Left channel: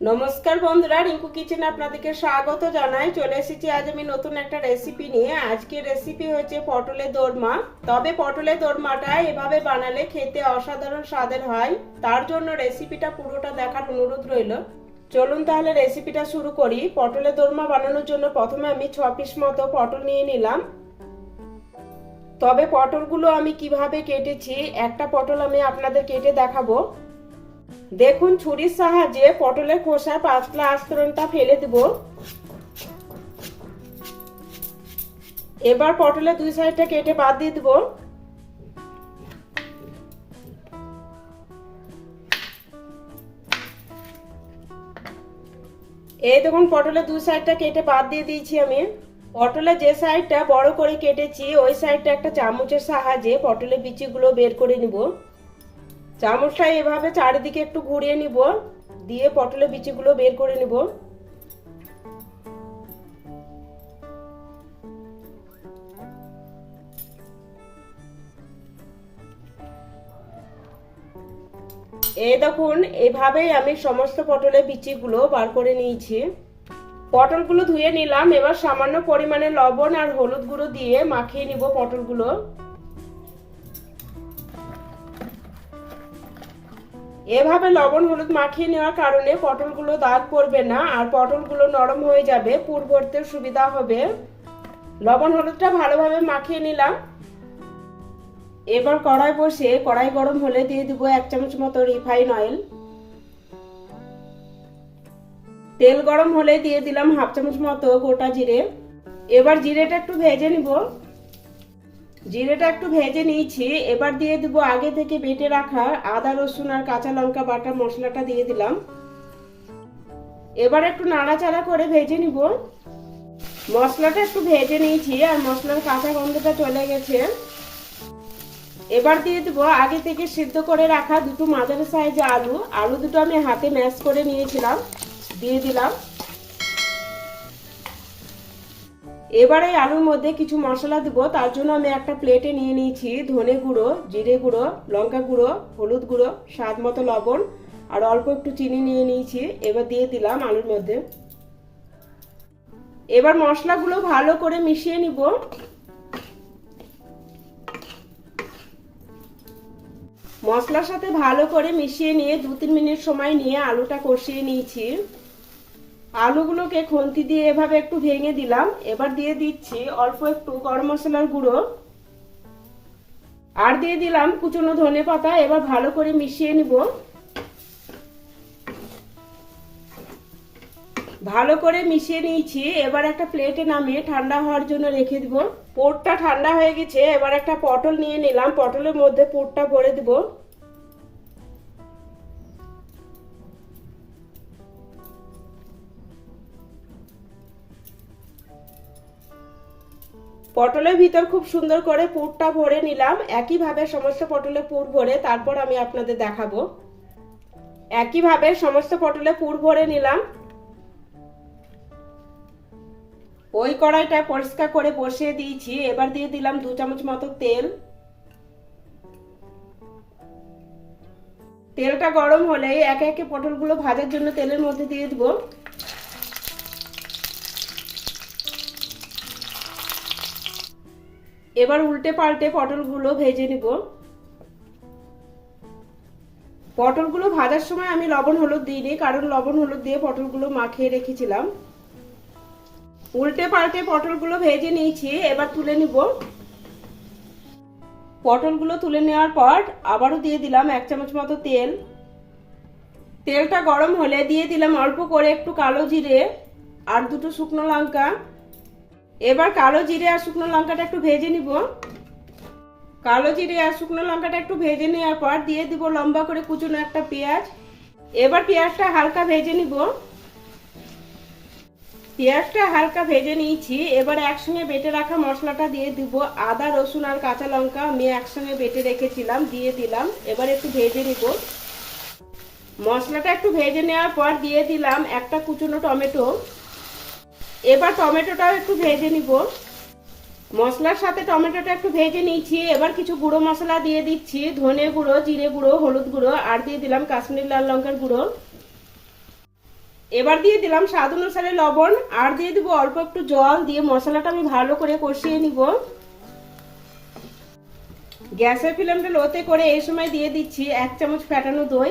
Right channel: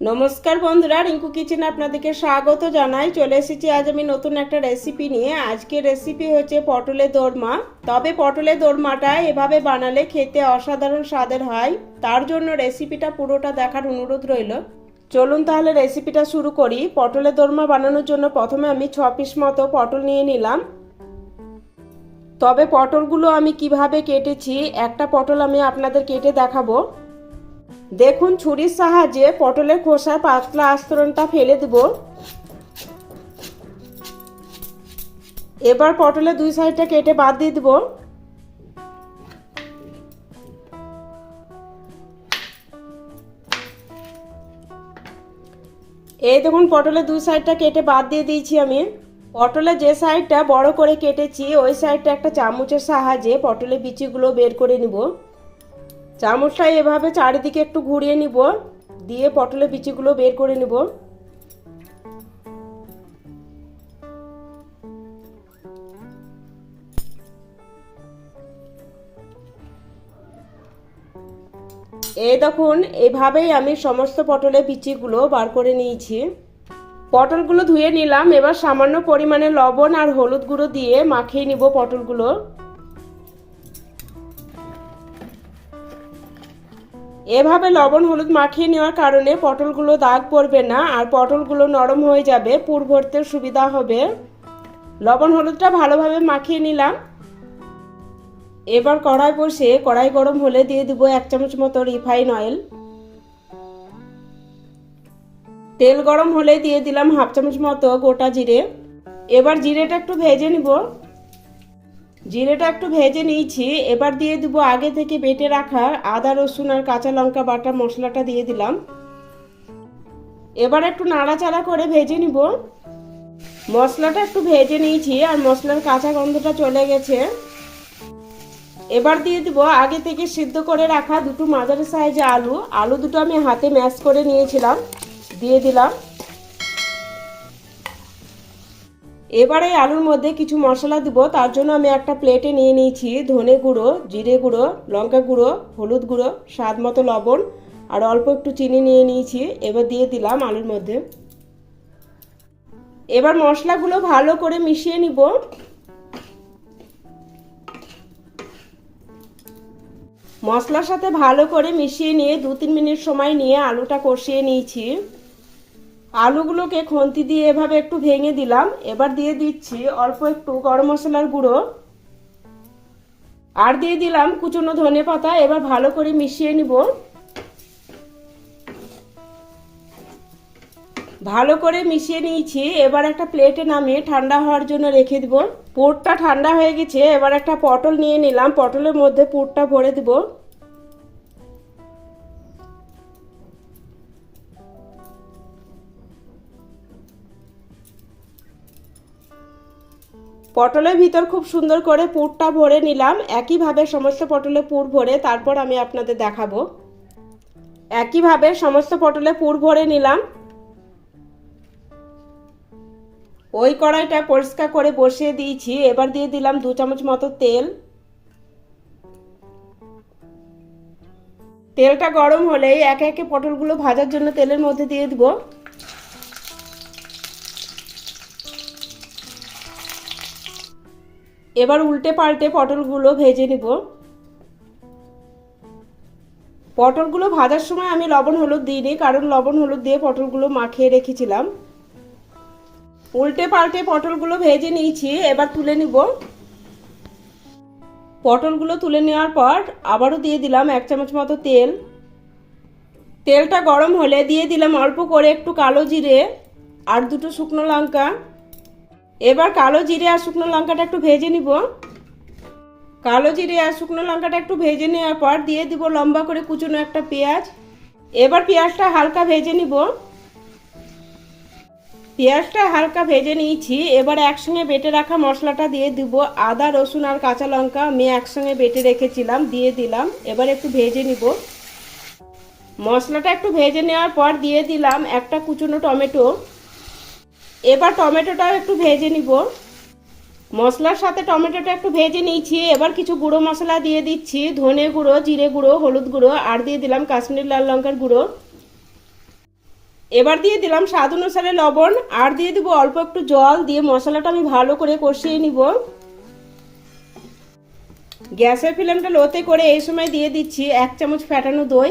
নমস্কার বন্ধুরা, রিঙ্কু কিচেনে আপনাদেরকে স্বাগত জানাই। চলে এসেছি আজ আমি নতুন একটা রেসিপি নিয়ে। আজকের রেসিপি হচ্ছে পটলের দোরমা। তবে পটলের দোরমাটা এভাবে বানালে খেতে অসাধারণ স্বাদের হয়। তার জন্য রেসিপিটা পুরোটা দেখার অনুরোধ রইল। চলুন তাহলে রেসিপিটা শুরু করি। পটলের দোরমা বানানোর জন্য প্রথমে আমি 6 পিস মতো পটল নিয়ে নিলাম। তবে পটলগুলো আমি কিভাবে কেটেছি একটা পটল আমি আপনাদের কেটে দেখাবো। দেখুন, ছুরির সাহায্যে পটলের খোসা পাতলা আস্তরণটা ফেলে দেব। এবার পটলের দুই সাইডটা কেটে বাদ দিয়ে দেব। এই দেখুন, পটলের দুই সাইডটা কেটে বাদ দিয়ে দিয়েছি আমি। পটলের যে সাইডটা বড় করে কেটেছি ওই সাইডটা একটা চামচের সাহায্যে পটলের বিচিগুলো বের করে নিব। চামচটা এভাবে চারিদিকে একটু ঘুরিয়ে নিব, দিয়ে পটলের বিচিগুলো বের করে নিব। এই দেখুন, এভাবেই আমি সমস্ত পটলের বিচিগুলো বার করে নিয়েছি। পটলগুলো ধুয়ে নিলাম। এবার সামান্য পরিমাণে লবণ আর হলুদ গুঁড়ো দিয়ে মাখিয়ে নিব পটলগুলো। এভাবে লবণ হলুদ মাখিয়ে নেওয়ার কারণে পটলগুলো দাগ পড়বে না আর পটলগুলো নরম হয়ে যাবে, পুর ভরতে সুবিধা হবে। লবণ হলুদটা ভালোভাবে মাখিয়ে নিলাম। এবার কড়াই বসে কড়াই গরম হলে দিয়ে দিব 1 চামচ মতো রিফাইন অয়েল। তেল গরম হলে দিয়ে দিলাম 1/2 চামচ মতো গোটা জিরে। এবার জিরেটা একটু ভেজে নিব। জিরেটা একটু ভেজে নিয়েছি। এবার দিয়ে দিব আগে থেকে বেটে রাখা আদা রসুন আর কাঁচা লঙ্কা বাটা মশলাটা দিয়ে দিলাম। এবার একটু নাড়াচাড়া করে ভেজে নিব। মশলাটা একটু ভেজে নিয়েছি আর মশলার কাঁচা গন্ধটা চলে গেছে। এবার দিয়ে দিব আগে থেকে সিদ্ধ করে রাখা দুটো মাঝারি সাইজের আলু দুটো আমি হাতে ম্যাশ করে নিয়েছিলাম, দিয়ে দিলাম। এবার এই আলুর মধ্যে কিছু মশলা দিব। তার জন্য আমি একটা প্লেটে নিয়ে নিয়েছি ধনে গুঁড়ো, জিরে গুঁড়ো, লঙ্কা গুঁড়ো, হলুদ গুঁড়ো, স্বাদ মতো লবণ আর অল্প একটু চিনি নিয়ে নিয়েছি। এবার দিয়ে দিলাম আলুর মধ্যে। এবার মশলাগুলো ভালো করে মিশিয়ে নিব। মশলার সাথে ভালো করে মিশিয়ে নিয়ে 2-3 মিনিট সময় নিয়ে আলুটা কষিয়ে নিয়েছি। আলুগুলোকে খুন্তি দিয়ে এভাবে একটু ভেঙে দিলাম। এবার দিয়ে দিচ্ছি অল্প একটু গরম মশলার গুঁড়ো আর দিয়ে দিলাম কুচনো ধনেপাতা। এবার ভালো করে মিশিয়ে নিব। ভালো করে মিশিয়ে নিয়েছি। এবার একটা প্লেটে নামিয়ে ঠান্ডা হওয়ার জন্য রেখে দিব। পুরটা ঠান্ডা হয়ে গেছে। এবার একটা পটল নিয়ে নিলাম, পটলের মধ্যে পুরটা ভরে দিব। পটলের ভিতর খুব সুন্দর করে পুরটা ভরে নিলাম। একইভাবে সমস্ত পটলে পুর ভরে তারপর আমি আপনাদের দেখাবো। একইভাবে সমস্ত পটলে পুর ভরে নিলাম। ওই কড়াইটা পরিষ্কার করে বসিয়ে দিয়েছি। এবার দিয়ে দিলাম 2 চামচ মতো তেল। তেলটা গরম হলেই একে একে পটলগুলো ভাজার জন্য তেলের মধ্যে দিয়ে দিব। এবার উল্টে পাল্টে পটলগুলো ভেজে নিব। পটলগুলো ভাজার সময় আমি লবণ হলুদ দিইনি, কারণ লবণ হলুদ দিয়ে পটলগুলো মাখিয়ে রেখেছিলাম। উল্টে পাল্টে পটলগুলো ভেজে নিয়েছি। এবার তুলে নিব। পটলগুলো তুলে নেওয়ার পর আবারও দিয়ে দিলাম 1 চামচ মতো তেল। তেলটা গরম হলে দিয়ে দিলাম অল্প করে একটু কালো জিরে আর দুটো শুকনো লঙ্কা। এবার কালো জিরে আর শুকনো লঙ্কাটা একটু ভেজে নিব। কালো জিরে আর শুকনো লঙ্কাটা একটু ভেজে নেওয়ার পর দিয়ে দিব লম্বা করে কুচনো একটা পেঁয়াজ। এবার পেঁয়াজটা হালকা ভেজে নিব। পেঁয়াজটা হালকা ভেজে নিয়েছি। এবার একসঙ্গে বেটে রাখা মশলাটা দিয়ে দিব। আদা রসুন আর কাঁচা লঙ্কা আমি একসঙ্গে বেটে রেখেছিলাম, দিয়ে দিলাম। এবার একটু ভেজে নিব। মশলাটা একটু ভেজে নেওয়ার পর দিয়ে দিলাম একটা কুচনো টমেটো। এবার টমেটোটাও একটু ভেজে নিব। মশলার সাথে টমেটোটা একটু ভেজে নিয়েছি। এবার কিছু গুঁড়ো মশলা দিয়ে দিচ্ছি, ধনে গুঁড়ো, জিরে গুঁড়ো, হলুদ গুঁড়ো আর দিয়ে দিলাম কাশ্মীরি লাল লঙ্কার গুঁড়ো। এবার দিয়ে দিলাম স্বাদ অনুসারে লবণ আর দিয়ে দিব অল্প একটু জল দিয়ে মশলাটা আমি ভালো করে কষিয়ে নিব। গ্যাসের ফ্লেমটা লোতে করে এই সময় দিয়ে দিচ্ছি 1 চামচ ফেটানো দই।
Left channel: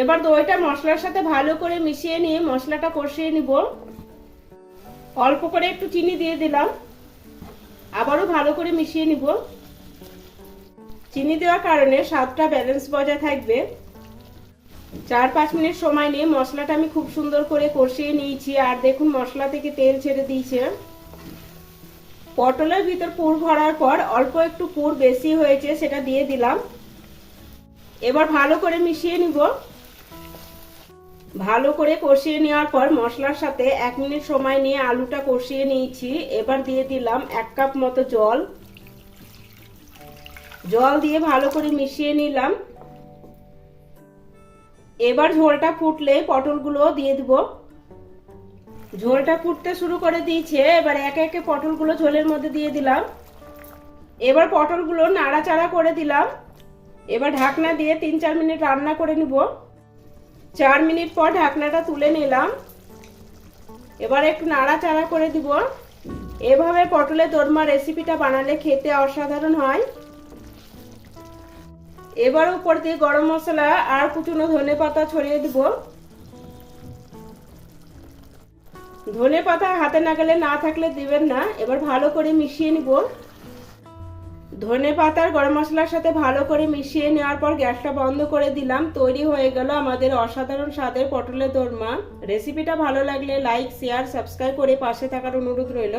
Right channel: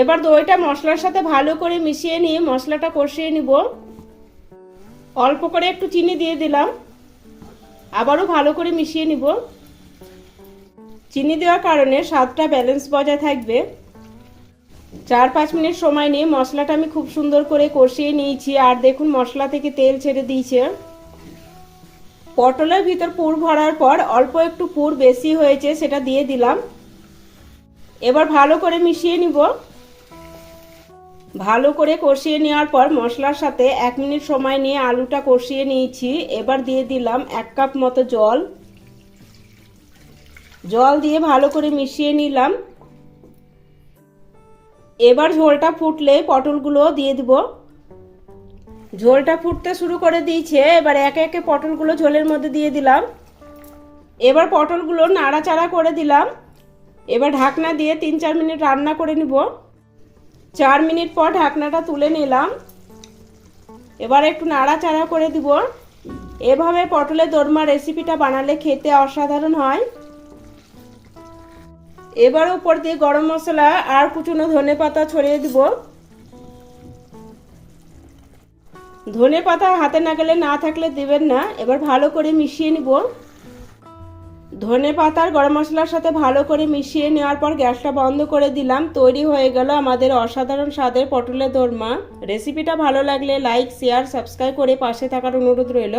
এবার দইটা মশলার সাথে ভালো করে মিশিয়ে নিয়ে মশলাটা কষিয়ে নিব। অল্প করে একটু চিনি দিয়ে দিলাম, আবারও ভালো করে মিশিয়ে নিব। চিনি দেওয়ার কারণে স্বাদটা ব্যালেন্স বজায় থাকবে। 4-5 মিনিট সময় নিয়ে মশলাটা আমি খুব সুন্দর করে কষিয়ে নিয়েছি আর দেখুন মশলা থেকে তেল ছেড়ে দিয়েছে। পটলের ভিতর পুর ভরার পর অল্প একটু পুর বেশি হয়েছে সেটা দিয়ে দিলাম। এবার ভালো করে মিশিয়ে নিব। ভালো করে কষিয়ে নেওয়ার পর মশলার সাথে 1 মিনিট সময় নিয়ে আলুটা কষিয়ে নিয়েছি। এবার দিয়ে দিলাম 1 কাপ মতো জল। জল দিয়ে ভালো করে মিশিয়ে নিলাম। এবার ঝোলটা ফুটলে পটলগুলো দিয়ে দিব। ঝোলটা ফুটতে শুরু করে দিয়েছে, এবার একে একে পটলগুলো ঝোলের মধ্যে দিয়ে দিলাম। এবার পটলগুলো নাড়াচাড়া করে দিলাম। এবার ঢাকনা দিয়ে 3-4 মিনিট রান্না করে নিব। 4 মিনিট পর ঢাকনাটা তুলে নিলাম। এবার একটু নাড়াচাড়া করে দিব। এভাবে পটলের দোরমা রেসিপিটা বানালে খেতে অসাধারণ হয়। এবার উপর দিয়ে গরম মশলা আর কুচনো ধনেপাতা ছড়িয়ে দিব। ধনেপাতা হাতে নাগালে না থাকলে দিবেন না। এবার ভালো করে মিশিয়ে নিব। ধনেপাতা আর গরম মশলার সাথে ভালো করে মিশিয়ে নেওয়ার পর গ্যাসটা বন্ধ করে দিলাম। তৈরি হয়ে গেল আমাদের অসাধারণ স্বাদের পটলের দোরমা। রেসিপিটা ভালো লাগলে লাইক, শেয়ার, সাবস্ক্রাইব করে পাশে থাকার অনুরোধ রইল।